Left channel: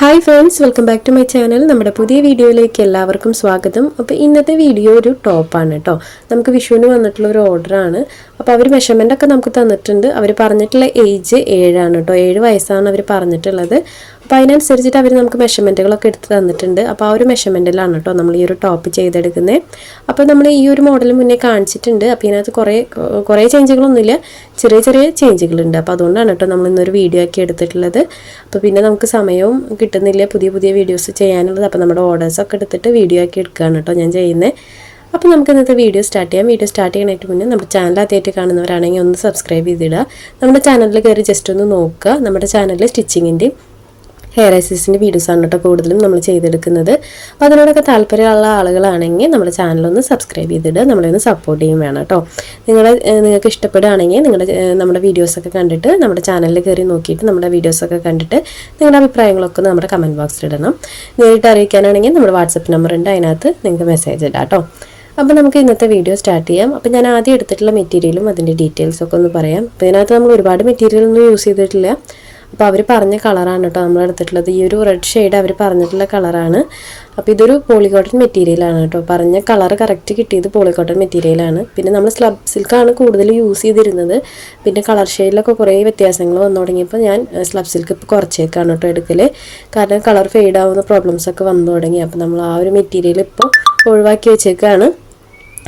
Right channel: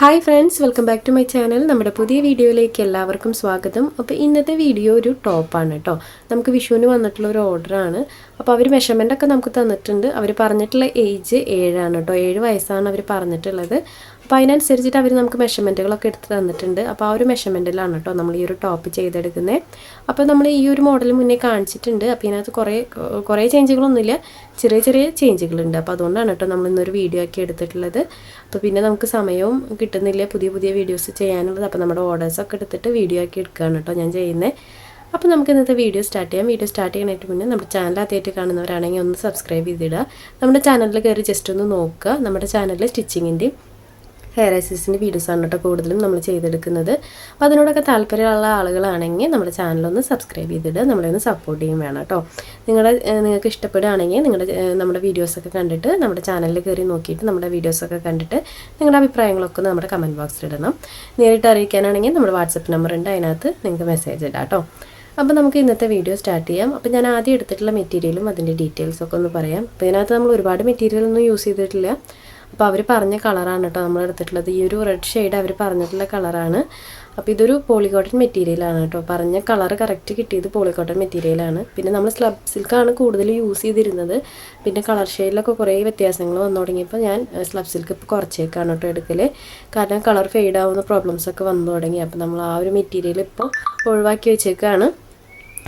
Hi friends, welcome back to my channel. നമ്മുടെ പുതിയ വീഡിയോയിലേക്ക് എല്ലാവർക്കും സ്വാഗതം. അപ്പോൾ ഇന്നത്തെ വീഡിയോ ഒരു ടോപ്പാണ് കേട്ടോ. നമുക്ക് വിഷുവിന് വന്നിട്ടുള്ള ഒരു ഓർഡറാണ്. അപ്പോൾ അവർ മെഷർമെൻ്റ് ഒക്കെ നമുക്ക് തന്നിട്ടുണ്ട്. അവർ പറഞ്ഞിട്ടുള്ള ഏജ് 7 കേട്ടോ. 7 വയസ്സാണ് അവർ പറഞ്ഞിട്ടുള്ളത്. അപ്പോൾ അതിനനുസരിച്ചിട്ട് അവർ നമുക്ക് മെഷർമെൻറ്റുകളൊക്കെ എടുത്ത് തന്നിട്ടുണ്ട്. അപ്പോൾ ആ ഒരു മെഷർമെൻറ്റിലാണ് കേട്ടോ നമ്മൾ ഈ ഒരു ടോപ്പ് ചെയ്തെടുക്കുന്നത്. അപ്പോൾ നമ്മൾ ഈ ഒരു മോഡൽ മുന്നേ കാണിച്ചിട്ടുണ്ട്. അപ്പോൾ ഇതിനകത്ത് കുറേ ചേഞ്ചുകളൊന്നുമില്ല, ചെറിയ ചെറിയ ചേഞ്ചുകളുണ്ട്. അപ്പോൾ അതുകൊണ്ടാണ് കേട്ടോ നമ്മൾ ഇന്നൊരു വീഡിയോ ആക്കി എടുത്തിട്ടുള്ളത്. അപ്പോൾ പിന്നെ നമുക്ക് സമയവും കിട്ടുന്നില്ല പുതിയ പുതിയ വീഡിയോസ് ചെയ്യാനുള്ളത്. അപ്പോൾ നമ്മുടെ ഓർഡേഴ്സൊക്കെ എടുത്തിട്ട് വീഡിയോ ആക്കി എടുക്കുകയാണ് കേട്ടോ ഞാൻ ചെയ്യുന്നത്. അപ്പോൾ നമുക്ക് ഇന്നത്തെ വീഡിയോ സ്റ്റാർട്ട് ചെയ്യാം. വീഡിയോ സ്റ്റാർട്ട് ചെയ്യാനായിട്ട് മുന്നേ നമ്മുടെ ചാനൽ ആദ്യമായിട്ട് കാണുന്നവരാണെങ്കിൽ ഒന്ന് സബ്സ്ക്രൈബ് ചെയ്തിടുക. നമ്മുടെ ചാനലിൽ കയറി ജസ്റ്റ് ഒന്ന് നോക്കുക. നമ്മുടെ ചാനലിൽ സ്റ്റിച്ചിങ്ങിൻ്റെയും ഹെയർ എക്സസൈസിൻ്റെ വീഡിയോസാണ് കേട്ടോ കൂടുതലും നമ്മൾ ചെയ്തെടുക്കുന്നത്. അപ്പോൾ അതിനോടൊക്കെ താല്പര്യമുള്ള ആളുകളാണെങ്കിൽ നമ്മുടെ ചാനലൊന്ന് സബ്സ്ക്രൈബ് ചെയ്തിട്ട് നമ്മളെ ഒന്ന് സപ്പോർട്ട് ചെയ്യും വേണം കേട്ടോ. നിങ്ങൾക്ക് ഇഷ്ടപ്പെടുകയാണെങ്കിൽ നമ്മുടെ വീഡിയോസൊക്കെ കണ്ടിട്ട് നമ്മുടെ ചാനലിൽ കയറി നോക്കിയിട്ട് നമ്മുടെ വീഡിയോസൊക്കെ കണ്ടിട്ട് നിങ്ങളുടെ അഭിപ്രായങ്ങളൊക്കെ നമ്മുടെ കമൻറ്റ് ബോക്സിൽ ഇടണം. നേരിട്ട് അറിയിക്കാനാണെങ്കിൽ നമ്മുടെ വാട്സപ്പ് നമ്പർ ഉണ്ട്, അതിനകത്ത് നിങ്ങൾക്ക് മെസ്സേജ് ഇടാം കേട്ടോ. അപ്പോൾ നമുക്ക് ഇന്നത്തെ വീഡിയോ സ്റ്റാർട്ട് ചെയ്യാം. അപ്പോൾ ഞാൻ ആദ്യം എടുത്തിട്ടുള്ള മെറ്റീരിയലും അതിൻ്റെ ഡീറ്റെയിൽസൊക്കെ ഒന്ന് പറയാം. അപ്പോൾ ഇതിനകത്ത് നമ്മൾ ഒരുപാട് മെറ്റീരിയലൊന്നും യൂസ് ചെയ്തിട്ടില്ല. അപ്പോൾ അവർ പറഞ്ഞ കളറാണ് കേട്ടോ നമ്മൾ എടുത്തിട്ടുള്ളത്. ഈ ഒരു റെഡ് ഷെയ്ഡ് അവർ പറഞ്ഞിട്ടുള്ള കളറാണ്. അപ്പോൾ ഇതൊരു പോളിക്കോട്ടൺ മെറ്റീരിയലാണ് കേട്ടോ. പറഞ്ഞ കളർ കറക്റ്റ് കിട്ടിയത് പോളിക്കോട്ടൺ മെറ്റീരിയലാണ്. പിന്നെ നമ്മൾ സ്ലബ് സിൽക്കാണ് കൂടുതൽ യൂസ് ചെയ്തിരുന്നത്. പിന്നെ കളർ ഷെയ്ഡിലൊക്കെ കുറേ വ്യത്യാസങ്ങൾ വന്നു തുടങ്ങിയപ്പോൾ ഞാൻ സ്ലബ് സിൽക്ക് ഇപ്പോൾ കുറച്ചേക്കാണ് കേട്ടോ എടുക്കൽ. കാരണം കളർ ഫെയ്ഡ് ആവുന്ന പ്രോബ്ലംസൊക്കെ വന്നു തുടങ്ങി. അപ്പോൾ നമ്മൾ ആ ഒരു മെറ്റീരിയൽ ഇപ്പോൾ ഒഴിവാക്കി വെച്ചേക്കാണ്.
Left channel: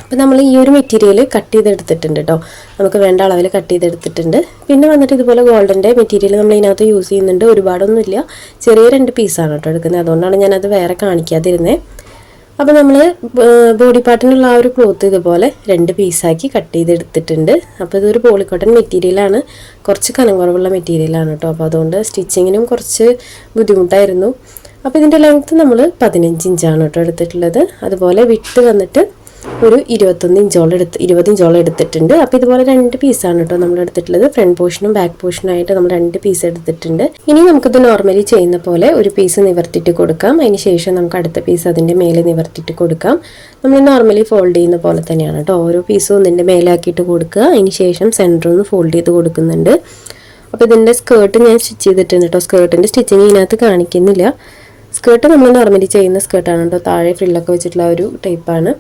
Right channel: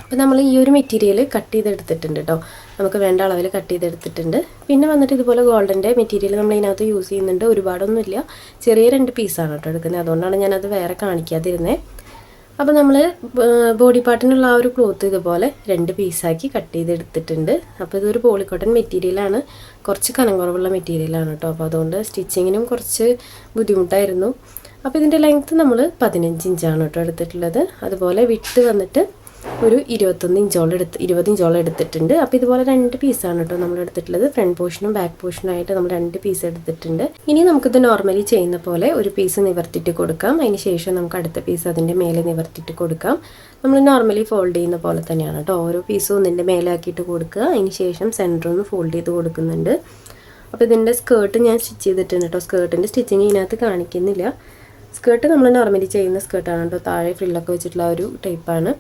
അപ്പോൾ നമ്മൾ ഈ ഒരു മെറ്റീരിയൽ കട്ട് ചെയ്തെടുത്തിട്ടുണ്ട് കേട്ടോ. നമുക്ക് വേണ്ട അളവിൽ കട്ട് ചെയ്തെടുത്തിട്ടുണ്ട്. പിന്നെ വന്നിട്ട് ഇതുപോലെ ഗോൾഡൻ്റെ മെറ്റീരിയൽ നമ്മൾ ഇതിനകത്ത് യൂസ് ചെയ്യുന്നുണ്ട്. ഒരുപാടൊന്നുമില്ല, ചെറിയ 2 പീസാണ് കേട്ടോ എടുക്കുന്നത്. അതുകൊണ്ടാണ് ഞാനത് വേറെ കാണിക്കാതിരുന്നത്. അപ്പോൾ നമ്മൾ ബോഡി പാർട്ടിനുള്ള ആ ഒരു ക്ലോത്ത് ഇതുപോലെ 2 പീസാക്കി കട്ട് ചെയ്തെടുത്തിട്ടുണ്ട്. അപ്പോൾ ഇതൊരു പോളിക്കോട്ടൺ മെറ്റീരിയലാണ്, കുറച്ച് കനം കുറവുള്ള മെറ്റീരിയലാണ് കേട്ടോ. അപ്പോൾ അതുകൊണ്ട് സ്റ്റിച്ചിങ്ങിനും കുറച്ച് ബുദ്ധിമുട്ടായിരുന്നു. അപ്പോൾ ഇതിൻ്റെ ലെങ്ത്ത് നമ്മൾ 15 ഇഞ്ചാണ് കേട്ടോ എടുത്തിട്ടുള്ളത്. അതുപോലെ വിഡ്ത്ത് വന്നിട്ട് ഒരു 20 ഇഞ്ചോളം എടുത്തിട്ടുണ്ട്. അപ്പോൾ ഇതുപോലെ 2 പീസാണ് കേട്ടോ നമ്മൾ എടുത്തിട്ടുള്ളത്. ഫ്രണ്ട് പോർഷനും ബാക്ക് പോർഷനും ആയിട്ട് നമ്മൾ 2 പീസ് എടുത്തിട്ടുണ്ട്. ഇനി നമുക്കിത് നോർമലി ചെയ്യുന്ന പോലെ ഒരു പീസ് നിവർത്തിയിട്ട് കൊടുക്കാം. അതിന് ശേഷം നമുക്ക് അടുത്ത പീസ് അതിൻ്റെ മേലെ നിവർത്തിയിട്ട് കൊടുക്കാം. നമ്മൾ നോർമലി ഫോൾഡ് ചെയ്യുന്ന പോലെ തന്നെയാണ് കേട്ടോ. ഓരോ പീസും ഒന്നിൻ്റെ മേലാക്കിയിട്ട് കൊടുക്കുക. അതിന് ശേഷം സെൻറ്ററിൽ നിന്ന് ഫോൾഡ് ചെയ്ത് കൊടുക്കുന്നുണ്ട്. അപ്പോൾ ഇതിൻ്റെ സ്കേർട്ട് ഞാൻ സ്റ്റിച്ച് ചെയ്തിട്ടുണ്ട് കേട്ടോ. സ്കേർട്ടിൻ്റെ സ്റ്റിച്ചിങ് ഇതിനകത്ത് കാണിക്കുന്നില്ല. സ്കേർട്ട് നമ്മൾ നോർമലി ചെയ്യുന്ന സ്കേർട്ടാണ് കേട്ടോ. താഴെ ഫ്രില്ലൊക്കെ വെച്ചിട്ടുള്ള ഒരു ടൈപ്പാണ്.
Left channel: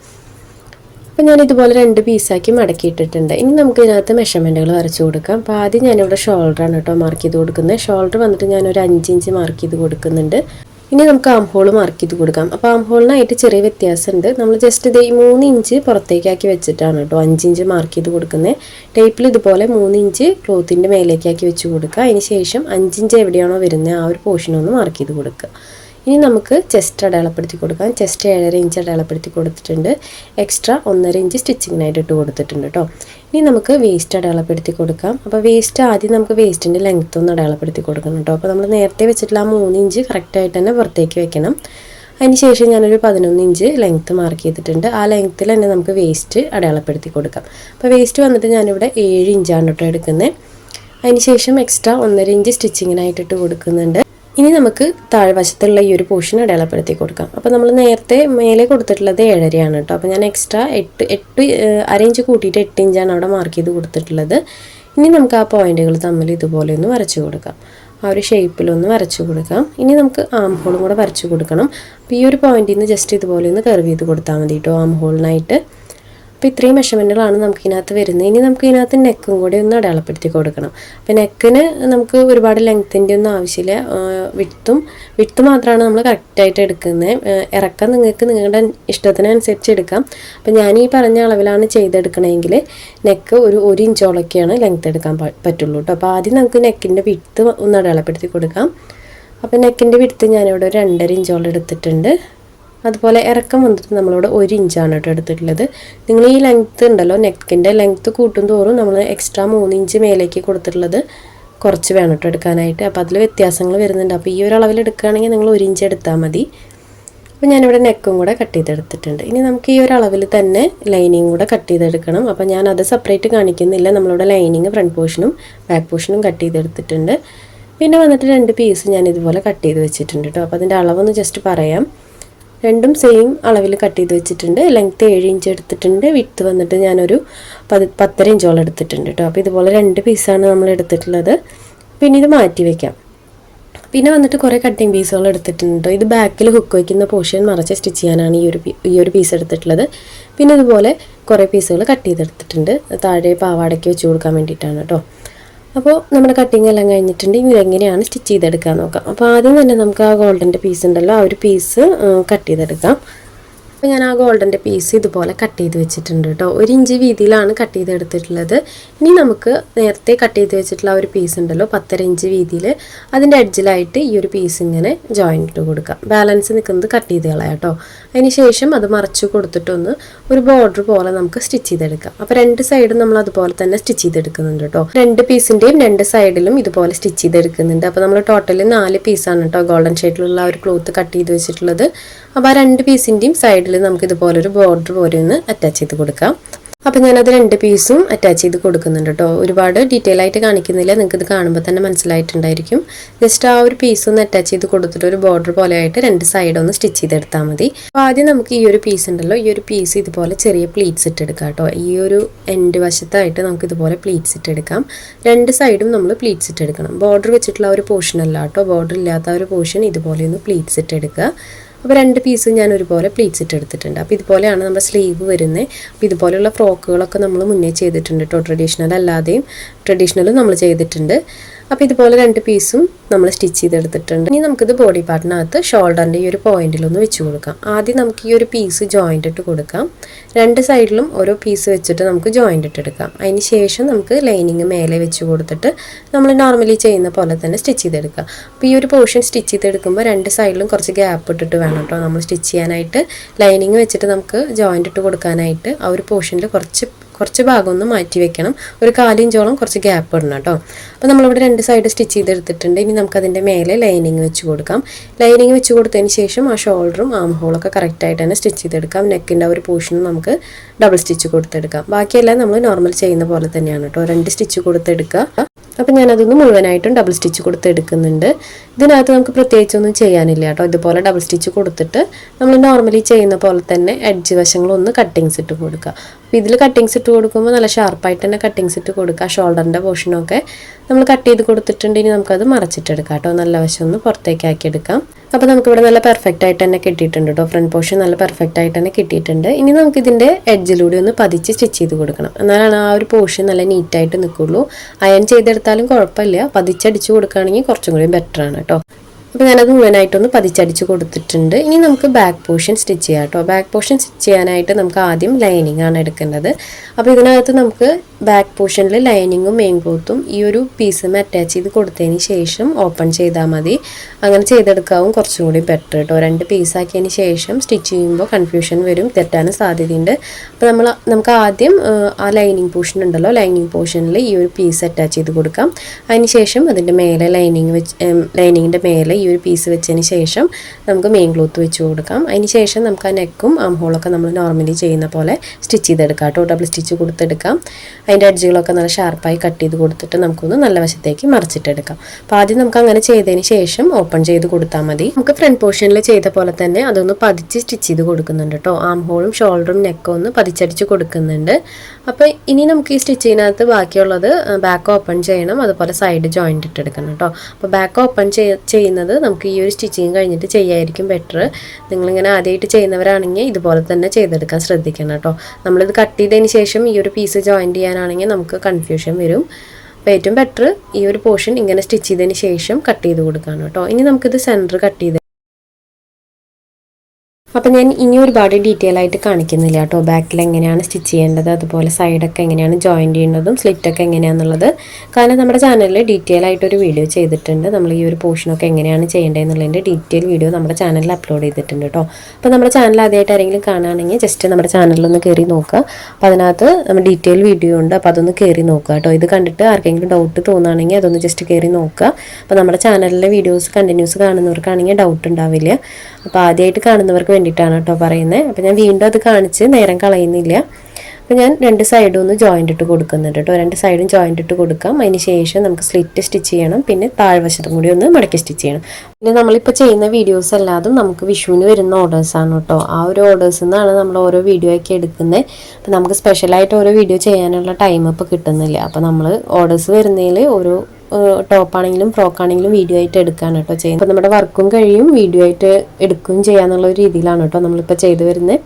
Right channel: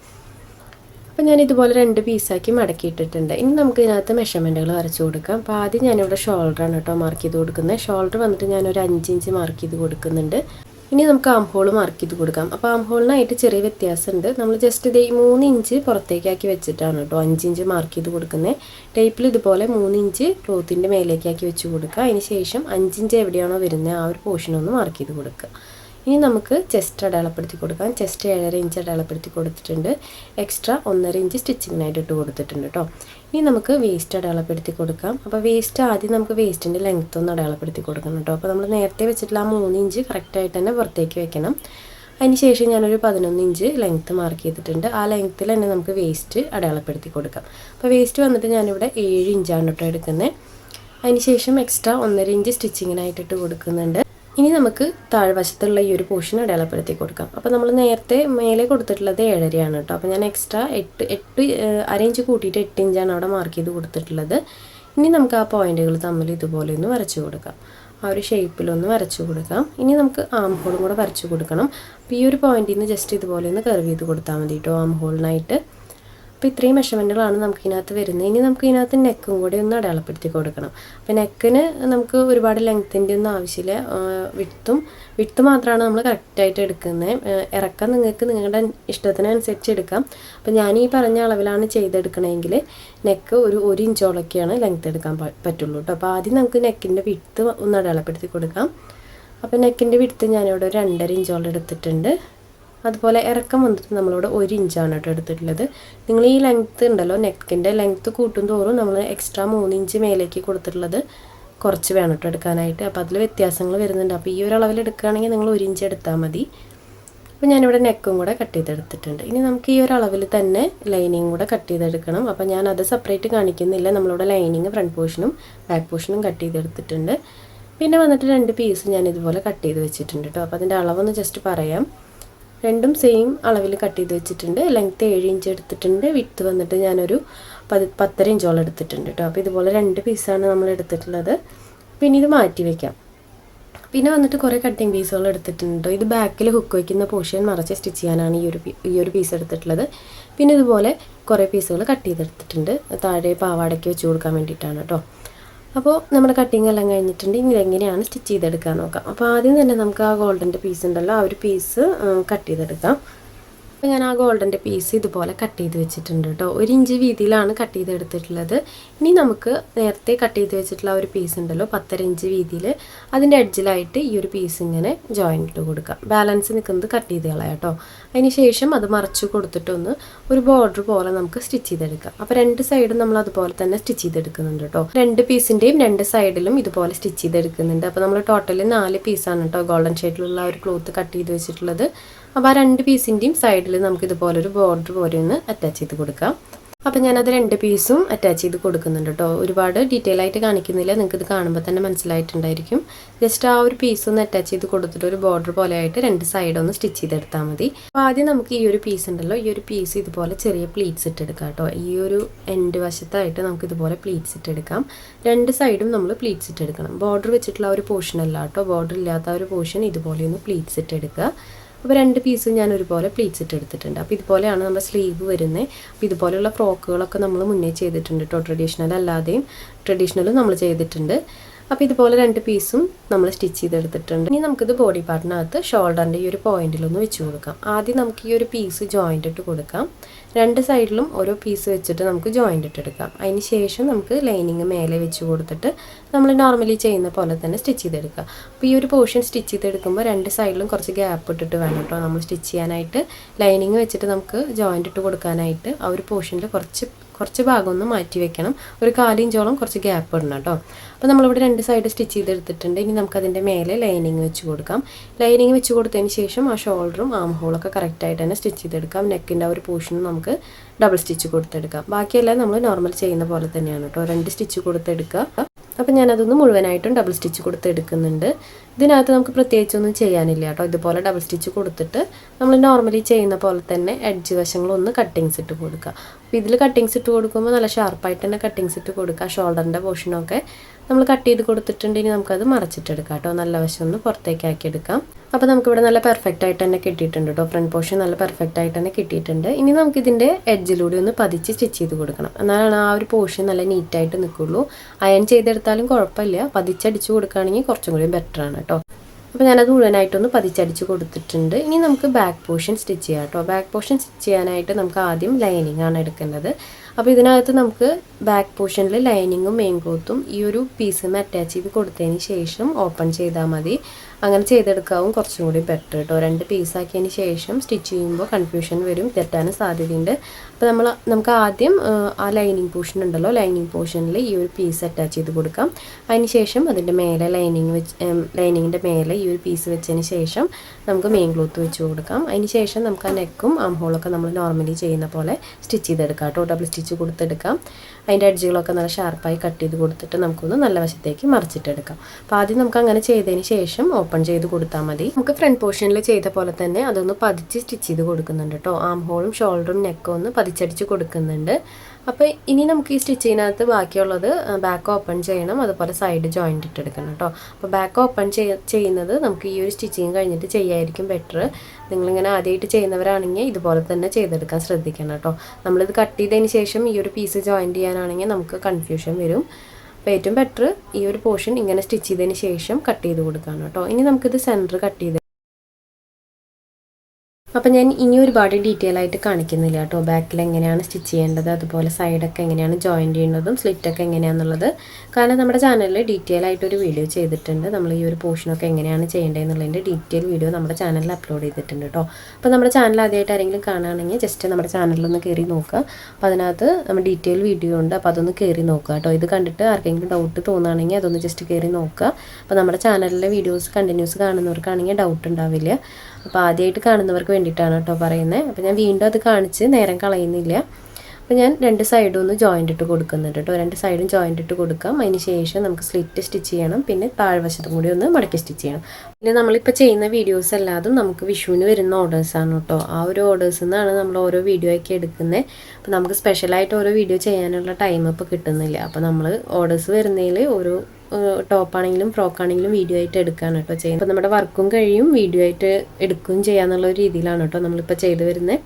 അപ്പോൾ ഞാൻ ഇതുപോലെ 2 പീസാക്കി മടക്കിയിട്ടിട്ടുണ്ട്. ഇനി നമുക്ക് ഇതിനകത്ത് മെഷർമെൻറ്റുകൾ വരച്ച് കൊടുക്കാം. അപ്പോൾ ആദ്യം ഞാനിവിടെ ഷോൾഡറാണ് കേട്ടോ മാർക്ക് ചെയ്ത് കൊടുക്കുന്നത്. ഷോൾഡർ വന്നിട്ട് ഞാനൊരു 5 ഇഞ്ച് മാർക്ക് ചെയ്ത് കൊടുക്കുന്നുണ്ട്. ഇനി നമുക്ക് ആം ഹോൾ മാർക്ക് ചെയ്ത് കൊടുക്കാം. അപ്പോൾ ആം ഹോളിനായിട്ട് ചെറിയ വ്യത്യാസമുണ്ട്. നമ്മൾ ജസ്റ്റ് ഇത് 3 ഇഞ്ച് പുറത്തേക്കാക്കി വെച്ചിട്ടാണ് കേട്ടോ 5 ഇഞ്ച് മാർക്ക് ചെയ്ത് കൊടുക്കുന്നത്. ടേപ്പിൽ ഇതുപോലെ 3 ഇഞ്ച് ക്ലോത്തിൻ്റെ മേലേക്കാക്കി വെച്ച് കൊടുക്കുക. അതിന് ശേഷം 5 ഇഞ്ച് എവിടെയാണോ വരുന്നത് ആ ഒരു പോർഷനൊന്ന് മാർക്ക് ചെയ്ത് കൊടുക്കുക. ഇനി നമുക്ക് ചെസ്റ്റ് അടയാളപ്പെടുത്തി കൊടുക്കാം. ചെസ്റ്റ് 7.5 ഇഞ്ച് അടയാളപ്പെടുത്തി കൊടുത്തിട്ടുണ്ട്. എക്സ്ട്രാ 1.5 ഇഞ്ച് സ്റ്റിച്ചിങ്ങിനായിട്ട് ഇട്ട് കൊടുത്തിട്ടുണ്ട് കേട്ടോ. ഇനി നമുക്ക് വേസ്റ്റ് അടയാളപ്പെടുത്തി കൊടുക്കാം. അപ്പോൾ വേസ്റ്റ് ആദ്യം നമുക്ക് വേസ്റ്റിൻ്റെ ലെങ്ത്ത് ഒന്ന് അടയാളപ്പെടുത്തി കൊടുക്കണം കേട്ടോ. അപ്പോൾ നമ്മൾ നേരത്തെ വെച്ചിട്ടുള്ള ആ 3 ഇഞ്ച് കറക്റ്റായിട്ട് തന്നെ പുറത്തേക്ക് വെക്കണം. അതിന് ശേഷം ഞാനൊരു 11 ഇഞ്ച് ലെങ്ത്ത് മാർക്ക് ചെയ്തിട്ടുണ്ട്. ആ ലെങ്ത്തിൽ തന്നെ നമുക്ക് വേസ്റ്റ് അടയാളപ്പെടുത്തി കൊടുക്കാം. അപ്പോൾ വേസ്റ്റ് വന്നിട്ട് ഞാനിവിടെ 7 ഇഞ്ചാണ് കേട്ടോ എടുക്കുന്നത്. അതിന് ശേഷം എക്സ്ട്രാ 1.5 ഇഞ്ച് സ്റ്റിച്ചിങ്ങിനായിട്ട് ഇട്ട് കൊടുക്കുന്നുണ്ട്. ഇനി നമുക്ക് താഴ്വശത്തുള്ള ഈ ഒരു പോർഷൻ അടയാളപ്പെടുത്തി കൊടുക്കാം. അപ്പോൾ നമ്മൾ നേരത്തെ മേലെ കൊടുത്തിട്ടുള്ളത് 7.5 കേട്ടോ. അപ്പോൾ ഞാൻ എക്സ്ട്രാ 1/2 ഇഞ്ച് കൂട്ടിയിട്ട് 8 ഇഞ്ചാണ് അവിടെ മാർക്ക് ചെയ്ത് കൊടുത്തിട്ടുള്ളത്. ഇനി നമുക്ക് ആ പോയിന്റുകൾ തമ്മിൽ ഇതുപോലെ ഒന്ന് വരച്ചു കൊടുക്കാം. ആ ഒരു ഷേപ്പിലൊന്ന് വരച്ചു കൊടുക്കാം. ഇനി നമുക്ക് ആം ഹോളും കൂടെ വരച്ചു കൊടുക്കണം. അപ്പോൾ ഈ ഒരു പോയിന്റിൽ നിന്ന് ജസ്റ്റ് ഇതുപോലെ ഒന്ന് കർവ് ചെയ്ത് കൊടുത്താൽ മതി കേട്ടോ ആം ഹോളിനായിട്ട്. അപ്പോൾ ഇത്രയും മെഷർമെൻറ്റുകളാണ് നമുക്ക് ഇതിനകത്ത് വരുന്നത്. ഇനി നമുക്ക് ഇതിനകത്ത് നെക്കും കൂടി ഒന്ന് അടയാളപ്പെടുത്തി കൊടുക്കണം. അപ്പോൾ നെക്കിന് നമുക്ക് ഒരുപാട് ലെങ്ത്തിൻ്റെ ഒന്നും ആവശ്യമില്ല. വിഡ്ത്ത് മാത്രമാണ് നമ്മൾ കറക്റ്റായിട്ട് എടുക്കുന്നത്. ഇറക്കം നിങ്ങൾക്ക് നിങ്ങളുടെ ഇഷ്ടത്തിനനുസരിച്ച് എടുക്കാം. അപ്പോൾ ഞാൻ ഈ പറഞ്ഞ അളവിലാണ് ചെയ്തെടുക്കണമെങ്കിൽ നെക്ക് ഒരു 1 ഇഞ്ചോളൊക്കെയാണ് ലെങ്ത്ത് എടുക്കാൻ പറ്റുള്ളൂ കേട്ടോ. അപ്പോൾ ആദ്യം നമുക്ക് നെക്കിൻ്റെ വിഡ്ത്ത് ഒന്ന് അടയാളപ്പെടുത്തി കൊടുക്കാം. അപ്പോൾ നെക്കിൻ്റെ വിഡ്ത്ത് ഞാനിവിടെ ഒരു 2.5 ഇഞ്ചോളം എടുത്തിട്ടുണ്ട്. അതുപോലെ ഇറക്കം വന്നിട്ട് നമ്മളിവിടെ 1 ഇഞ്ചാണ് കേട്ടോ എടുത്തിട്ടുള്ളത്. നിങ്ങൾ ഈ ലെങ്ത്ത് ഉണ്ടല്ലോ, നെക്കിൻ്റെ ലെങ്ത്ത് കൂട്ടും തോറും നമ്മൾ എക്സ്ട്രാ 3 ഇഞ്ച് മേലേക്ക് കൊടുത്തിട്ടുള്ളത് കുറച്ച് വേണം കേട്ടോ എടുക്കാനായിട്ട്. അപ്പോൾ അതിൽ വ്യത്യാസങ്ങൾ വരുന്നുണ്ട്. അപ്പോൾ ഈ ഒരു അളവിൽ എടുക്കുകയാണെങ്കിൽ നിങ്ങൾ 1 ഇഞ്ച് എടുത്താൽ മതി. അപ്പോൾ ഞാനിവിടെ നെക്കും കൂടെ കട്ട് ചെയ്തെടുത്തിട്ടുണ്ട്. ഇനി നമുക്ക് ഈ ഒരു അളവിൽ തന്നെ ലൈനിങ് കൂടെ കട്ട് ചെയ്തെടുക്കണം. അപ്പോൾ ഞാനത് സെപ്പറേറ്റ് കാണിക്കുന്നില്ല. നമ്മളിവിടെ ലൈനിങ് ഫ്രണ്ട് പോർഷനും ബാക്ക് പോർഷനും കട്ട് ചെയ്തെടുത്തിട്ടുണ്ട്. പിന്നെ വന്നിട്ട് 2 പീസ് ഞാൻ ഇതുപോലെ കട്ട് ചെയ്ത് വെച്ചിട്ടുണ്ട് കേട്ടോ. അപ്പോൾ അതിൻ്റെ അളവൊന്ന് ജസ്റ്റ് പറയാം. രണ്ടും സെയിം അളവിൽ കട്ട് ചെയ്ത് വെച്ചിട്ടുണ്ട്. ലെങ്ത്ത് 7 ഇഞ്ച് എടുത്തിട്ടുണ്ട്. വിഡ്ത്ത് വന്നിട്ട് ഞാനൊരു 10.5 ഇഞ്ചോളം എടുത്തിട്ടുണ്ട് കേട്ടോ. അപ്പോൾ ഇതുപോലെ 2 പീസാണ് നമ്മൾ എടുത്തിട്ടുള്ളത്. പിന്നെ ഇത് മാറ്റി വയ്ക്കാം. പിന്നെ വന്നിട്ട് കുറേ കട്ടിങ് പീസുകൾ എടുത്തിട്ടുണ്ട്. ഇത് ബാക്കിൽ ഹുക്ക് വയ്ക്കുന്ന പോർഷൻ മറച്ച് സ്റ്റിച്ച് ചെയ്യാനാണ് ഈ ഒരു പീസ് എടുത്തിട്ടുള്ളത്. പിന്നെ ഇതുപോലെ കുറേ പീസുകൾ കട്ട് ചെയ്തെടുത്തിട്ടുണ്ട്. താഴെ പാവാടയ്ക്ക് വെച്ച് കൊടുക്കാൻ വേണ്ടിയിട്ടാണ് കേട്ടോ. അപ്പോൾ നമ്മുടെ കട്ടിങ് എല്ലാം കഴിഞ്ഞിട്ടുണ്ട്. ഇനി ഇതെങ്ങനെയാണ് സ്റ്റിച്ച് ചെയ്തെടുക്കാൻ നോക്കാം. അപ്പോൾ ആദ്യം തന്നെ നമുക്ക് ആ ഗോൾഡൻ്റെ പീസ് ഉണ്ടല്ലോ, ആ ഒരു പീസ് കട്ട് ചെയ്തെടുക്കാം. അപ്പോൾ ഞാൻ ആ ഗോൾഡൻ്റെ പീസ് ഇതുപോലെ കട്ട് ചെയ്ത് വെച്ചിട്ടുണ്ട് കേട്ടോ. 1 ഇഞ്ച് വീതിയിലാണ് കട്ട് ചെയ്തെടുത്തിട്ടുള്ളത്. ഇനി നമുക്ക് നേരത്തെ കട്ട് ചെയ്ത് വെച്ചിട്ടുള്ള ആ ഒരു പീസ് ഉണ്ടല്ലോ 10.5 ഇഞ്ച് വീതിയിൽ, അതിൻ്റെ എഡ്ജിലായിട്ട് ഈ ഒരു പീസ് ഇങ്ങനെ ജോയിൻ ഇട്ട് കൊടുക്കാം. ബാലൻസ് നിൽക്കുന്നത് കട്ട് ചെയ്ത് കളയാം കേട്ടോ. അതിന് ശേഷം അത് മറച്ച് കൊടുത്തിട്ടൊന്ന് ഒരു ബോർഡർ പോലെ നമുക്ക് സ്റ്റിച്ച് ചെയ്തെടുക്കാം. അപ്പോൾ 2 സൈഡും നമ്മൾ അതുപോലെ തന്നെ സ്റ്റിച്ച് ചെയ്തെടുക്കുന്നുണ്ട് കേട്ടോ. 2 പീസിൻ്റെയും 2 സൈഡിലും ഇതുപോലെ സ്റ്റിച്ച് ചെയ്തെടുക്കുന്നുണ്ട്. അപ്പോൾ നമ്മൾ ടോട്ടൽ 4 പീസാണ് കേട്ടോ ഗോൾഡൻ ഷെയ്ഡിലുള്ള ഒരു ക്ലോത്ത് കട്ട് ചെയ്ത് വെച്ചിട്ടുള്ളത്. അപ്പോൾ ആ 2 പീസിൻ്റെയും സൈഡിൽ നമുക്ക് ഇതുപോലൊരു ബോർഡർ പോലെ ഒന്ന് അറ്റാച്ച് ചെയ്ത് കൊടുക്കാം. അപ്പോൾ ഞാനത് 2 പീസും അറ്റാച്ച് ചെയ്ത് കൊടുക്കുന്നുണ്ട് കേട്ടോ. ഒരുപാട് ഡീറ്റെയിൽ ആയിട്ട് കാണിക്കുന്നില്ല, നിങ്ങൾക്ക് ഇത് കാണുമ്പോൾ തന്നെ മനസ്സിലായിട്ടുണ്ടായിരിക്കും. ജസ്റ്റ് ആ ഒരു പീസ് ഒന്ന് അറ്റാച്ച് ചെയ്ത് കൊടുത്തിട്ട് ഒരു ബോർഡർ പോലെ ആയിട്ട് 2 സൈഡ് ഒന്ന് സ്റ്റിച്ച് ചെയ്തെടുത്താൽ മതി. അപ്പോൾ ആദ്യം നമുക്ക് ഈ ഒരു പീസ് ഉണ്ടല്ലോ, ഈ ഒരു പീസ് ഇതുപോലെ ചെറിയ പ്ലീറ്റ്സ് ഇട്ടെടുക്കാം കേട്ടോ. ഈ ഒരു എൻഡ് വശത്തായിട്ട് നമുക്ക് ഇതുപോലെ പ്ലീറ്റ്സ് ഇട്ടെടുക്കാം. 2 സൈഡും നമ്മൾ പ്ലീറ്റ്സ് ഇട്ടെടുക്കണം. ബോർഡർ വെച്ചിട്ടുള്ള ഒരു പോർഷൻ അല്ല കേട്ടോ, ബോർഡർ ഇല്ലാത്ത ഒരു പോർഷൻ ഇതുപോലെ ഒന്ന് പ്ലീറ്റ്സ് ഇട്ടെടുക്കുക. അപ്പോൾ 2 പീസും ഞാൻ ഒരുപോലെ പ്ലീറ്റ്സ് ഇട്ടെടുത്തിട്ടുണ്ട്. അപ്പോൾ ഇതുപോലെയാണ് നമ്മുടെ സ്ലീവ് വരുന്നത്. അപ്പോൾ ഇതുപോലെയുള്ള ഫ്രോക്കുകളൊക്കെ നമ്മൾ മുന്നേ ചെയ്തിട്ടുണ്ട് കേട്ടോ. ട്രഡീഷണലും നമ്മൾ ചെയ്തിട്ടുണ്ട്. അപ്പോൾ ഇതുപോലെ 2 പീസും നമ്മൾ സ്റ്റിച്ച് ചെയ്തെടുത്തിട്ടുണ്ട്. ഇനി നമുക്കിത് ബോഡി പാർട്ടിനകത്ത് ഷോൾഡറിൻ്റെ ഈ ഒരു പോയിന്റിലൊന്ന് വെച്ച് കൊടുക്കാം. ആദ്യം നമുക്ക് ഈ ഒരു പീസ് ജോയിൻ്റ് ഇട്ട് കൊടുക്കാം. 2 സൈഡിലും ഓരോ പീസ് വെച്ചിട്ട് നമുക്ക് ജോയിൻ്റ് ഇട്ടെടുക്കാം. അതിന് ശേഷം നമുക്ക് ലൈനിങ് മേലെ വെച്ച് കൊടുത്തിട്ട് നമ്മൾ നോർമലി ചെയ്യുന്ന പോലെ തന്നെ സ്റ്റിച്ച് ചെയ്തെടുക്കാം. അപ്പോൾ ഈ ഒരു പോർഷൻ സ്റ്റിച്ച് ചെയ്തെടുക്കുമ്പോൾ 2 സൈഡിലും കുറച്ച് ഗ്യാപ്പ് ഇട്ടിട്ട് വേണം കേട്ടോ നമ്മൾ സ്റ്റിച്ച് ചെയ്യാനായിട്ട്. ലൈനിങ് വെച്ചിട്ട് നമുക്ക് ജോയിൻ്റ് ഇട്ട് കൊടുക്കാനായിട്ട് ആ ഒരു പോർഷനിൽ കുറച്ച് ഭാഗം ഒന്ന് മാറ്റി വെക്കണം. ഒരു 4 ഇഞ്ചോളം കുറച്ച് ഗ്യാപ്പ് ഇടണം കേട്ടോ. അപ്പോൾ നമ്മളിവിടെ 2 സൈഡ് സ്റ്റിച്ച് ചെയ്തെടുത്തിട്ടുണ്ട്. ഇനി നമുക്കതിൻ്റെ മേലെ ലൈനിങ് വെച്ച് കൊടുക്കാം. ലൈനിങ് വെച്ച് കൊടുത്തതിന് ശേഷം ആ ഷോൾഡറും ആം ഹോളൊക്കെ കറക്റ്റായിട്ട് തന്നെ സ്റ്റിച്ച് ചെയ്തെടുക്കാം. നെക്കിൻ്റെ ആ ഒരു പോർഷനും നമുക്ക് ഡബിൾ സ്റ്റിച്ച് കൊടുത്തെടുക്കാം. ബാക്കിയെല്ലാം നമ്മൾ നോർമൽ ചെയ്യുന്ന പോലെ തന്നെയാണ് കേട്ടോ. 2 സ്റ്റിച്ച് കൊടുത്തെടുക്കുക. അപ്പോൾ ഞാനതൊന്ന് മുഴുവനായിട്ടും ഡബിൾ സ്റ്റിച്ച് കൊടുത്തെടുക്കുന്നുണ്ട്. ഇതിനകത്ത് നമുക്ക് പ്രത്യേകിച്ചൊന്നും ചെയ്യാനില്ല കേട്ടോ. ഇതുപോലെ ഡബിൾ സ്റ്റിച്ച് കൊടുത്തിട്ട് നമ്മൾ നോർമലി ചെയ്യുന്ന പോലെ തന്നെ എഡ്ജ് വശങ്ങളൊന്ന് കട്ടിങ്സ് ഇട്ട് കൊടുക്കുക. അപ്പോൾ ഇതിൽ കട്ടിങ്സ് ഇട്ട് കൊടുക്കുമ്പോൾ നല്ല ഷാർപ്പായിട്ട് തന്നെ കട്ടിങ്സ് ഇട്ട് കൊടുക്കുക. ഷോൾഡറിൻ്റെ പോർഷനൊക്കെ നമ്മൾ കട്ട് ചെയ്ത് കൊടുത്തിട്ടുണ്ടെങ്കിൽ നമുക്കത് മറച്ചിട്ടെടുക്കാം കേട്ടോ. നല്ല വശം ഒന്ന് പുറത്തേക്ക് ആക്കിയെടുക്കാം. അപ്പോൾ നമുക്കിവിടെ നല്ല പെർഫെക്റ്റ് ആയിട്ട് തന്നെ കിട്ടിയിട്ടുണ്ട് കേട്ടോ. ഫ്രണ്ട് പോർഷൻ നല്ല പെർഫെക്റ്റ് ആയിട്ട് തന്നെ കിട്ടിയിട്ടുണ്ട്. ഇനി നമുക്കിതിൻ്റെ എഡ്ജിലൂടെ ഒന്ന് പതിച്ച് സ്റ്റിച്ച് ചെയ്ത് കൊടുക്കണം. എന്നാലാണ് ആ ഒരു പോർഷൻ നല്ല നീറ്റായിട്ട് നിൽക്കുള്ളൂ. അയൺ ചെയ്തെടുത്താലും കുഴപ്പമില്ല, പതിച്ചടിച്ച് കൊടുക്കുകയാണെങ്കിൽ കുറച്ചും കൂടി ബെറ്റർ ആണ് കേട്ടോ. അപ്പോൾ ഞാനത് മുഴുവനായിട്ടൊന്ന് പതിച്ചടിച്ച് കൊടുത്തിട്ടുണ്ട്. ഇനി നമുക്ക് ബാക്ക് പോർഷൻ സ്റ്റിച്ച് ചെയ്യാം കേട്ടോ. ബാക്ക് പോർഷൻ സ്റ്റിച്ച് ചെയ്യാനായിട്ട് നമുക്ക് ആദ്യം ലൈനിങ് ആണ് എടുക്കേണ്ടത്. അപ്പോൾ ഇതിനകത്ത് നമുക്ക് ബാക്ക് പോർഷനിൽ ലൈനിങ്ങും മെയിൻ ക്ലോത്തും ഈ ഒരു പീസും അറ്റാച്ച് ചെയ്ത് കൊടുത്തതിന് ശേഷം ഓപ്പൺ ചെയ്താൽ മതി. അങ്ങനെ ചെയ്തെടുക്കാവും കുറച്ചും കൂടി ബെറ്റർ കേട്ടോ. 2 പീസാക്കിയതിന് ശേഷം സ്റ്റിച്ച് ചെയ്യുമ്പോൾ കൺഫ്യൂഷൻ വരും, തെറ്റാനും സാധ്യതയുണ്ട്. അപ്പോൾ നമുക്ക് ആദ്യം ആ ലൈനിങ് പോർഷൻ ഉണ്ടല്ലോ, ലൈനിങ് പോർഷനിൽ ഈ ഒരു പീസ് അറ്റാച്ച് ചെയ്ത് കൊടുക്കാം. അതിന് ശേഷം അതിൻ്റെ മേലെ ലൈനിങ്ങിൻ്റെ മേലെ ഈ ഒരു പീസ് വെച്ചതിന് ശേഷം നമുക്ക് മെയിൻ ക്ലോത്ത് വെച്ച് കൊടുക്കാം. അതിന് ശേഷം നമുക്ക് ആ നെക്കും ആം ഹോളൊക്കെ നമ്മൾ നോർമലി ചെയ്യുന്ന പോലെ സ്റ്റിച്ച് ചെയ്തെടുക്കാം കേട്ടോ. ഡബിൾ സ്റ്റിച്ച് കൊടുത്തെടുക്കാം. അതിൻ്റെ എഡ്ജുകളൊക്കെ നല്ല ഷാർപ്പായി കട്ട് ചെയ്ത് കൊടുത്തിട്ട് നമുക്കൊന്ന് നല്ല വശത്തേക്ക് മറിച്ചിട്ടെടുക്കാം. അപ്പോൾ ആദ്യം നമുക്ക് അങ്ങനെ ചെയ്തതിന് ശേഷം ഓപ്പൺ ചെയ്ത് കൊടുത്താൽ മതി. നമുക്ക് ഫ്രണ്ട് പോർഷനിൽ ചെയ്ത പോലെ തന്നെ അതൊന്ന് പതിച്ച് സ്റ്റിച്ച് ചെയ്ത് കൊടുക്കുന്നുണ്ട് കേട്ടോ. ആം ഹോളും ഷോൾഡറും നെക്കും ഒന്ന് പതിച്ചടിച്ച് കൊടുക്കുന്നുണ്ട്. അപ്പോൾ ഇനി നമുക്ക് ഈ സ്റ്റിച്ചിനകത്ത് ബാക്കിയുള്ളത് ബാക്ക് ഓപ്പൺ ചെയ്യണം, അതുപോലെ സൈഡ് ജോയിൻ്റ് ഇട്ടെടുക്കണം കേട്ടോ. അപ്പോൾ ബാക്ക് ഓപ്പൺ ചെയ്യുന്നത് നമുക്ക് ഈ ഒരു സ്റ്റിച്ചിങ് കഴിഞ്ഞിട്ട് ചെയ്യായിരിക്കും ബെറ്റർ. നിങ്ങളിങ്ങനെ ആദ്യമായിട്ട് ചെയ്യുന്നവരാണെങ്കിൽ ഇതുപോലെ തന്നെ ചെയ്തെടുക്കാൻ ശ്രദ്ധിക്കണം കേട്ടോ. നമ്മളിത് കട്ട് ചെയ്തതിന് ശേഷം ഈ ഒരു പീസ് ജോയിൻ്റ് ചെയ്യാനാണെങ്കിൽ നമുക്ക് കൺഫ്യൂഷൻ വരും. അപ്പോൾ ഏറ്റവും ബെറ്റർ ഈ ഒരു പോർഷൻ ഇങ്ങനെ സ്റ്റിച്ച് ചെയ്തതിന് ശേഷം കട്ട് ചെയ്ത് കൊടുക്കുകയാണ് കേട്ടോ. ഇനി നമുക്കിത് സെൻറ്റർ കട്ട് ചെയ്ത് അപ്പോൾ ഞാൻ ഇനി ഒരുപാട് ഡീറ്റെയിൽ ആയിട്ട് കാണിക്കുന്നില്ല കേട്ടോ. ബാക്കിൽ എങ്ങനെയാണ് സ്റ്റിച്ച് ചെയ്യേണ്ടത്, അതുപോലെ സൈഡൊക്കെ എങ്ങനെയാണ് ജോയിൻ ചെയ്യുന്നതും സ്ലിറ്റൊക്കെ എങ്ങനെയാണെന്നുള്ളത്. കാരണം നമ്മുടെ ചാനലിൽ ഡീറ്റെയിൽ ആയിട്ടൊരു വീഡിയോ ചെയ്തിട്ടുണ്ട്. നമ്മൾ ഈ ഒരു പോർഷനൊക്കെ എങ്ങനെയാണ് ചെയ്യേണ്ടതെന്നുള്ളതിൻ്റെ ഡീറ്റെയിൽ വീഡിയോ നമ്മുടെ ചാനലിൽ അപ്ലോഡ് ചെയ്തിട്ടുണ്ട് കേട്ടോ. അപ്പോൾ നമ്മുടെ ചാനൽ ആദ്യമായിട്ട് ആരെങ്കിലും കാണുകയാണെങ്കിൽ ജസ്റ്റ് നമ്മുടെ ചാനലിലൊന്ന് കയറി നോക്കുക. അപ്പോൾ അതിനകത്ത് നമ്മൾ ഡീറ്റെയിൽ വീഡിയോ ഉണ്ട്, അപ്പോൾ അതൊന്ന് കയറി നോക്കുക കേട്ടോ. ഇത് കണ്ടിട്ട് ആർക്കെങ്കിലും ഡൗട്ട് തോന്നുകയാണെങ്കിൽ അതൊന്ന് ജസ്റ്റ് കയറി നോക്കുക. അപ്പോൾ നമ്മുടെ ചാനലിലെ വീഡിയോസ് കണ്ടിന്യൂസ് കാണുന്നവർക്കാണെങ്കിൽ ഡൗട്ട് ഉണ്ടാവില്ല. അപ്പോൾ ആദ്യമായിട്ട് കാണുന്നവർക്ക് വേണ്ടിയിട്ടാണ് കേട്ടോ പറയുന്നത്. അപ്പോൾ ഞാൻ വീണ്ടും അത് കാണിച്ച് നേരം കളയുന്നില്ല. അപ്പോൾ ഞാൻ 2 സൈഡും ഒന്ന് ജോയിൻ്റ് ഇട്ട് കൊടുക്കുന്നുണ്ട് കേട്ടോ. 2 സൈഡും ജോയിൻ്റ് ഇട്ട് കൊടുക്കാം. അതിന് ശേഷം നമുക്ക് സ്ലിറ്റ് സ്റ്റിച്ച് ചെയ്യണം, പിന്നെ താഴ്വശത്തും കൂടി ഒന്ന് മടക്കി സ്റ്റിച്ച് ചെയ്യണം. പിന്നെ നമ്മളിപ്പോൾ ചെയ്യുന്ന വീഡിയോസ് എല്ലാതും നമുക്ക് വിഷുവിന് വരുന്ന ഓർഡേഴ്സാണ് കേട്ടോ. ആ ഒരു ഓർഡേഴ്സിൽ നിന്നാണ് നമ്മൾ ഓരോ വീഡിയോ ഒക്കെ എടുക്കുന്നത്. അപ്പോൾ നമുക്ക് സ്പെഷ്യലായിട്ട് ഓരോ വീഡിയോ ചെയ്യാനുള്ള ടൈം ഇപ്പോൾ കിട്ടുന്നില്ല. അപ്പോൾ നമ്മൾ ഓർഡേഴ്സ് വരുന്നതിൽ ഓരോ ടോപ്പാണെങ്കിലും ഫ്രോക്കാണെങ്കിലും വീഡിയോ ആയിട്ട് എടുക്കുകയാണ് കേട്ടോ ചെയ്യുന്നത്. അപ്പോൾ നമ്മുടെ വർക്കും കഴിയും, വീഡിയോ ആയിട്ട് എടുക്കുകയും ചെയ്യാന്നുള്ള ഒരു രീതിയിലാണ് കേട്ടോ നമ്മളിപ്പോൾ ചെയ്തു വരുന്നത്.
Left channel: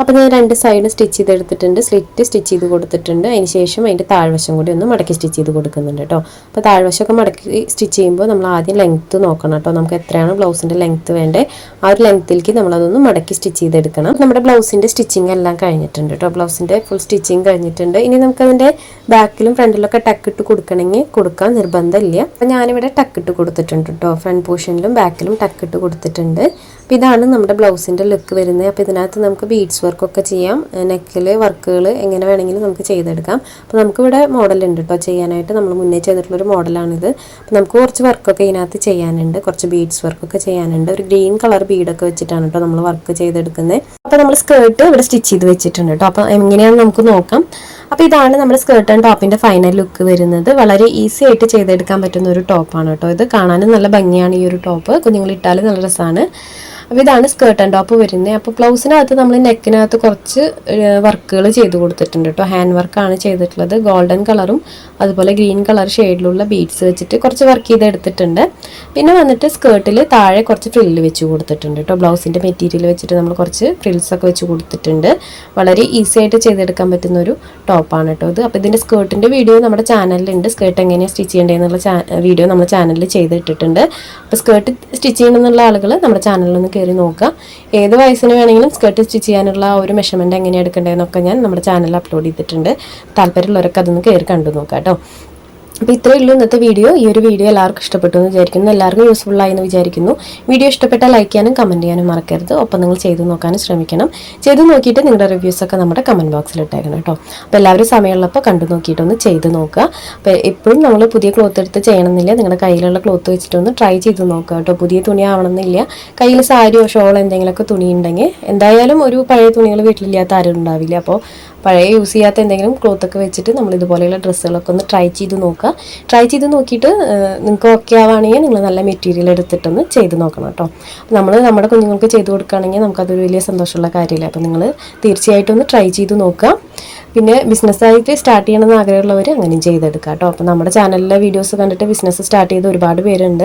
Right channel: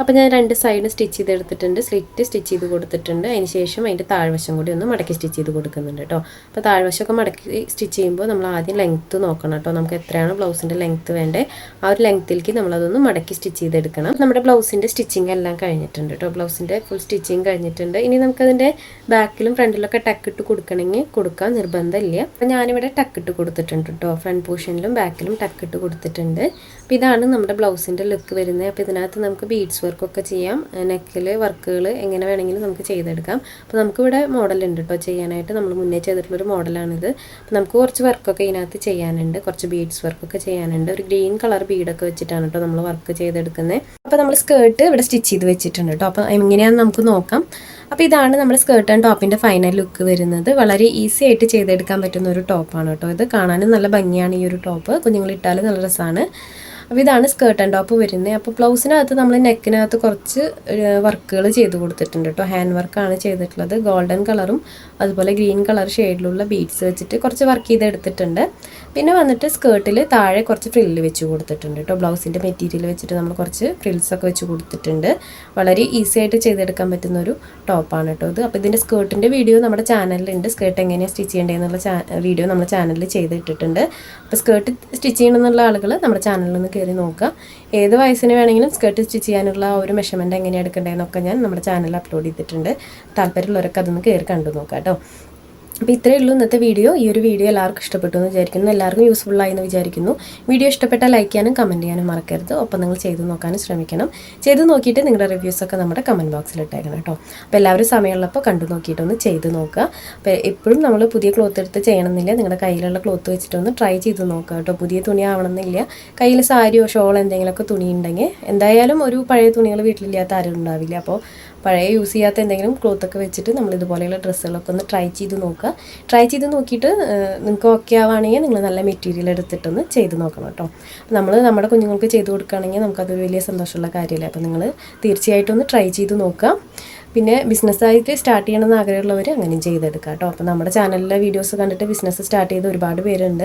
അപ്പോൾ ഞാൻ 2 സൈഡ് സ്റ്റിച്ച് ചെയ്തെടുത്തിട്ടുണ്ട്, സ്ലിറ്റ് സ്റ്റിച്ച് ചെയ്ത് കൊടുത്തിട്ടുണ്ട്. അതിന് ശേഷം അതിൻ്റെ താഴ്വശം കൂടി ഒന്ന് മടക്കി സ്റ്റിച്ച് ചെയ്ത് കൊടുക്കുന്നുണ്ട് കേട്ടോ. അപ്പോൾ താഴ്വശമൊക്കെ മടക്കി സ്റ്റിച്ച് ചെയ്യുമ്പോൾ നമ്മൾ ആദ്യം ലെങ്ത്ത് നോക്കണം കേട്ടോ. നമുക്ക് എത്രയാണ് ബ്ലൗസിൻ്റെ ലെങ്ത്ത് വേണ്ടത്, ആ ഒരു ലെങ്ത്തിലേക്ക് നമ്മളതൊന്ന് മടക്കി സ്റ്റിച്ച് ചെയ്തെടുക്കണം. നമ്മുടെ ബ്ലൗസിൻ്റെ സ്റ്റിച്ചിങ് എല്ലാം കഴിഞ്ഞിട്ടുണ്ട് കേട്ടോ. ബ്ലൗസിൻ്റെ ഫുൾ സ്റ്റിച്ചിങ് കഴിഞ്ഞിട്ടുണ്ട്. ഇനി നമുക്കതിൻ്റെ ബാക്കിലും ഫ്രണ്ടിലൊക്കെ ടക്കിട്ട് കൊടുക്കണമെങ്കിൽ കൊടുക്കാൻ നിർബന്ധമില്ല. അപ്പോൾ ഞാനിവിടെ ടക്കിട്ട് കൊടുത്തിട്ടുണ്ട് കേട്ടോ. ഫ്രണ്ട് പോർഷനിലും ബാക്കിലും ടക്കിട്ട് കൊടുത്തിട്ടുണ്ട്. അപ്പോൾ ഇതാണ് നമ്മുടെ ബ്ലൗസിൻ്റെ ലുക്ക് വരുന്നത്. അപ്പോൾ ഇതിനകത്ത് നമുക്ക് ബീഡ്സ് വർക്കൊക്കെ ചെയ്യാം, നെക്കിൽ വർക്കുകൾ എങ്ങനെ വേണമെങ്കിലും നമുക്ക് ചെയ്തെടുക്കാം. അപ്പോൾ നമുക്കിവിടെ മോഡലുണ്ട് കേട്ടോ ചെയ്യാനായിട്ട്. നമ്മൾ മുന്നേ ചെയ്തിട്ടുള്ളൊരു മോഡലാണിത്. അപ്പോൾ നമുക്ക് കുറച്ച് വർക്കൊക്കെ ഇതിനകത്ത് ചെയ്യാനുണ്ട്, കുറച്ച് ബീഡ്സ് വർക്കൊക്കെ ചെയ്യാനുണ്ട്. ഒരു ഗ്രീൻ കളർ ബീഡൊക്കെ വെച്ചിട്ടാണ് കേട്ടോ നമ്മൾ വർക്ക് ചെയ്തെടുക്കുന്നത്. അപ്പോൾ നമ്മൾ സ്കേർട്ട് ഇവിടെ സ്റ്റിച്ച് ചെയ്ത് വെച്ചിട്ടുണ്ട് കേട്ടോ. അപ്പോൾ എങ്ങനെയാണെന്ന് നമുക്ക് നോക്കാം. അപ്പോൾ ഇതാണ് നമ്മുടെ സ്കേർട്ട് ആൻഡ് ടോപ്പിൻ്റെ ഫൈനൽ ലുക്ക് വരുന്നത്. വളരെ ഈസി ആയിട്ട് ചെയ്തെടുക്കാൻ പറ്റുന്ന ഒരു ടോപ്പാണ് കേട്ടോ. ഇത് കാണാനും നല്ല ഭംഗിയാണ് ഈ ഒരു ടോപ്പ്, കുഞ്ഞുങ്ങളിട്ടാൽ നല്ല രസമാണ്. അപ്പോൾ ഇതാണ് സ്കേർട്ട് ആൻഡ് ടോപ്പ് വരുന്നത്. അപ്പോൾ ബ്ലൗസിനകത്ത് നമ്മൾ നെക്കിനകത്ത് കുറച്ച് വർക്കുകൾ ചെയ്ത് കൊടുത്തിട്ടുണ്ട് കേട്ടോ. ഹാൻഡ് വർക്കാണ് ചെയ്തിട്ടുള്ളത്. ഗോൾഡൻ കളറും അതുപോലെ ഗ്രീൻ കളർ ഷെയ്ഡിലുള്ള ബീഡ്സ് വെച്ചിട്ട് കുറച്ച് വർക്ക് ചെയ്തെടുത്തിട്ടുണ്ട്. പിന്നെ വന്നിട്ട് സ്കേർട്ടിൽ താഴെ കുറച്ച് ഫ്രില്ല് വെച്ച് കൊടുത്തിട്ടുണ്ട് കേട്ടോ. ബ്ലൗസിൻ്റെ മെറ്റീരിയൽ വെച്ചിട്ട് നമ്മൾ കുറച്ച് ഫ്രിൽസൊക്കെ വെച്ച് കൊടുത്തിട്ടുണ്ട്. വളരെ ഈസി ആയിട്ട് ചെയ്തെടുക്കാൻ പറ്റുന്ന ഒരു ടോപ്പാണ് കേട്ടോ ഇത്. അപ്പോൾ ഇതിൻ്റെ സ്കേർട്ടിൻ്റെ വീഡിയോ നമ്മുടെ ചാനലിലുണ്ട്. സ്കേർട്ട് എങ്ങനെയാണ് സ്റ്റിച്ച് ചെയ്യേണ്ടതെന്നുള്ള വീഡിയോ നമ്മുടെ ചാനലിൽ ചെയ്തിട്ടിട്ടുണ്ട്. അപ്പോൾ സ്കേർട്ട് സ്റ്റിച്ച് ചെയ്യണമെന്നുള്ള ആളുകൾ നമ്മുടെ ചാനലിലൊന്ന് കയറി നോക്കുക. ഏത് വയസ്സിന് വേണമെങ്കിലും സ്കേർട്ട് സ്റ്റിച്ച് ചെയ്യാനുള്ള ഒരു മെഷർമെൻറ്റ് എങ്ങനെ എടുക്കേണ്ടതെന്നൊക്കെ ഞാൻ നമ്മുടെ ചാനലിൽ അപ്ലോഡ് ചെയ്തിട്ടുണ്ട്. താല്പര്യമുള്ളവരൊക്കെ അതൊന്ന് കയറി കണ്ടു നോക്കാം കേട്ടോ. അപ്പോൾ ഇത്രയേ ഉള്ളൂ ഇന്നത്തെ വീഡിയോ. ഈ ഒരു വീഡിയോ എല്ലാവർക്കും ഇഷ്ടപ്പെട്ടു എന്ന് വിചാരിക്കുന്നു, എല്ലാവർക്കും യൂസ്ഫുള്ളായി എന്ന് വിചാരിക്കുന്നു. വീഡിയോ ഇഷ്ടപ്പെട്ടാൽ ലൈക്ക് ചെയ്യാനും കമൻറ്റ് ചെയ്യാനും മറക്കരുത്. ഒപ്പം നിങ്ങൾ ചെയ്ത് നോക്കാനും ശ്രമിക്കണം. ചെയ്ത് നോക്കിയിട്ട് നിങ്ങളുടെ റിവ്യൂസൊക്കെ നമ്മുടെ കമൻറ്റ് ബോക്സിൽ ഇട്ടേക്കണം കേട്ടോ. അപ്പോൾ എല്ലാവരും സമയമുള്ളപ്പോൾ കണ്ടു നോക്കിയിട്ടൊന്ന് ചെയ്ത് നോക്കുക. അപ്പോൾ എപ്പോഴും നമ്മൾ പുതിയ ക്ലോത്ത് എടുത്ത് ചെയ്യണമെന്നില്ല, നിങ്ങളുടെ കയ്യിലുള്ള ക്ലോത്ത് വെച്ചിട്ടൊന്ന് ട്രൈ ചെയ്ത് നോക്കുക കേട്ടോ. പുതിയ തുണി ആവണമെന്നില്ല, കയ്യിൽ സാരിയോ ഷോളോ എന്തെങ്കിലുമൊക്കെ തുണി ഉണ്ടെങ്കിൽ, എന്തായാലും ഒരു പഴയ തുണികൾ വീട്ടിലില്ലാത്ത ആരും ഉണ്ടാവില്ല. അപ്പോൾ പഴയ യൂസ് ചെയ്യാത്ത എന്തെങ്കിലും ക്ലോത്തൊക്കെ വെച്ചിട്ട് നമ്മൾ ഇതുപോലെയുള്ള ഡ്രസ്സുകളൊക്കെ ഒന്ന് ട്രൈ ചെയ്ത് നോക്കുക. ട്രൈ ചെയ്ത് നോക്കിയിട്ട് നിങ്ങൾക്ക് ഓക്കെ ആവുകയാണെങ്കിൽ നിങ്ങൾ നല്ല മെറ്റീരിയൽ എടുത്തിട്ടൊന്ന് ചെയ്ത് നോക്കണം കേട്ടോ. നമ്മൾ നമ്മുടെ കുഞ്ഞുങ്ങൾക്ക് ചെയ്ത് കൊടുക്കുകയാണെങ്കിൽ നമുക്കതൊരു വലിയ സന്തോഷമുള്ള കാര്യമില്ല. അപ്പോൾ നിങ്ങൾ തീർച്ചയായിട്ടും ഒന്ന് ട്രൈ ചെയ്ത് നോക്കുക. പിന്നെ ബിസിനസ്സായിട്ട് സ്റ്റാർട്ട് ചെയ്യണമെന്ന് ആഗ്രഹമുള്ളവർ അങ്ങനെയും ചെയ്തെടുക്കുക കേട്ടോ. അപ്പോൾ നമ്മുടെ ചാനലിലെ വീഡിയോസ് കണ്ടിട്ട് ബിസിനസ് സ്റ്റാർട്ട് ചെയ്ത് ഒരുപാട് പേരുണ്ട്.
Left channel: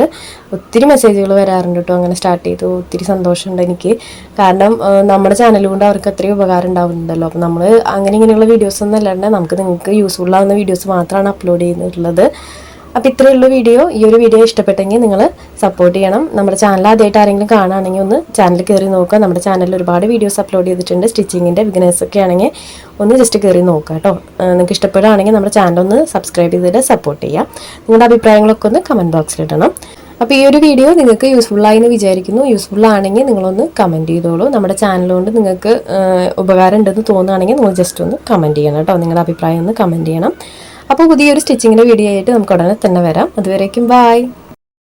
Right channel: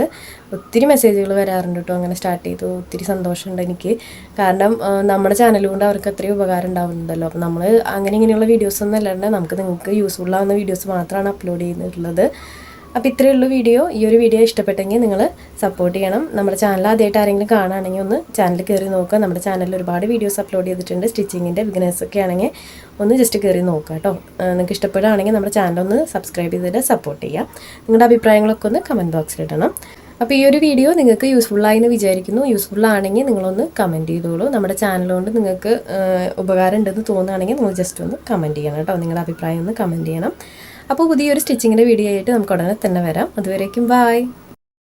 ഒത്തിരി മെസ്സേജുകൾ വരാറുണ്ട് കേട്ടോ. അങ്ങനെ സ്റ്റാർട്ട് ചെയ്തു ഒത്തിരി സന്തോഷമുണ്ട് എനിക്ക്. കാരണം നമ്മുടെ ചാനൽ കൊണ്ട് അവർക്ക് അത്രയും ഉപകാരം ഉണ്ടാവുന്നുണ്ടല്ലോ. അപ്പോൾ നമ്മൾ അങ്ങനെ ഇങ്ങനെയുള്ള വീഡിയോസൊന്നും അല്ലാണ്ട് നിങ്ങൾക്ക് യൂസ്ഫുൾ ആവുന്ന വീഡിയോസ് മാത്രമാണ് അപ്ലോഡ് ചെയ്യുന്നിട്ടുള്ളത്. അപ്പോൾ ഇത്രയുള്ള വീഡിയോ. ഈ ഒരു വീഡിയോ ഇഷ്ടപ്പെട്ടെങ്കിൽ നിങ്ങൾ സപ്പോർട്ട് ചെയ്യണം. നമ്മുടെ ചാനൽ ആദ്യമായിട്ട് ആരെങ്കിലും കാണുകയാണെങ്കിൽ ഒന്ന് ചാനൽ കയറി നോക്കുക. നമ്മുടെ ചാനലിൽ ഒരുപാട് വീഡിയോസ് അപ്ലോഡ് ചെയ്തിട്ടുണ്ട്. സ്റ്റിച്ചിങ്ങിൻ്റെ ബിഗിനേഴ്സൊക്കെ ആണെങ്കിൽ ഒന്ന് ജസ്റ്റ് കയറി നോക്കുക കേട്ടോ. നിങ്ങൾക്ക് ഇഷ്ടപ്പെടുകയാണെങ്കിൽ നമ്മുടെ ചാനൽ ഒന്ന് സബ്സ്ക്രൈബ് ചെയ്തിട്ട് സപ്പോർട്ട് ചെയ്യുക. നിങ്ങളുടെ അഭിപ്രായങ്ങളൊക്കെ ഒന്ന് കമൻറ്റ് ബോക്സിൽ ഇടണം. അപ്പോൾ ഈ ഒരു വീഡിയോ നിങ്ങൾക്ക് യൂസ്ഫുള്ളായി എന്ന് വിചാരിക്കുന്നു. യൂസ്ഫുൾ ആണെങ്കിൽ നിങ്ങളൊന്ന് കമൻറ്റ് ചെയ്തോളൂ. നമ്മുടെ ചാനൽ കൊണ്ട് നിങ്ങൾക്ക് ഉപകാരം ഉണ്ടെന്ന് തോന്നുകയാണെങ്കിൽ നിങ്ങൾ ജസ്റ്റ് ഒന്ന് കമൻറ്റ് ചെയ്യണം കേട്ടോ. നിങ്ങളുടെ അഭിപ്രായം ഒന്ന് കമൻറ്റ് ചെയ്യണം. അപ്പോൾ പുതിയൊരു സ്റ്റിച്ചിങ്ങിൻ്റെ വീഡിയോ ആയിട്ട് നമുക്ക് ഉടനെ തന്നെ വരാം. അതുവരേക്കും ബൈ.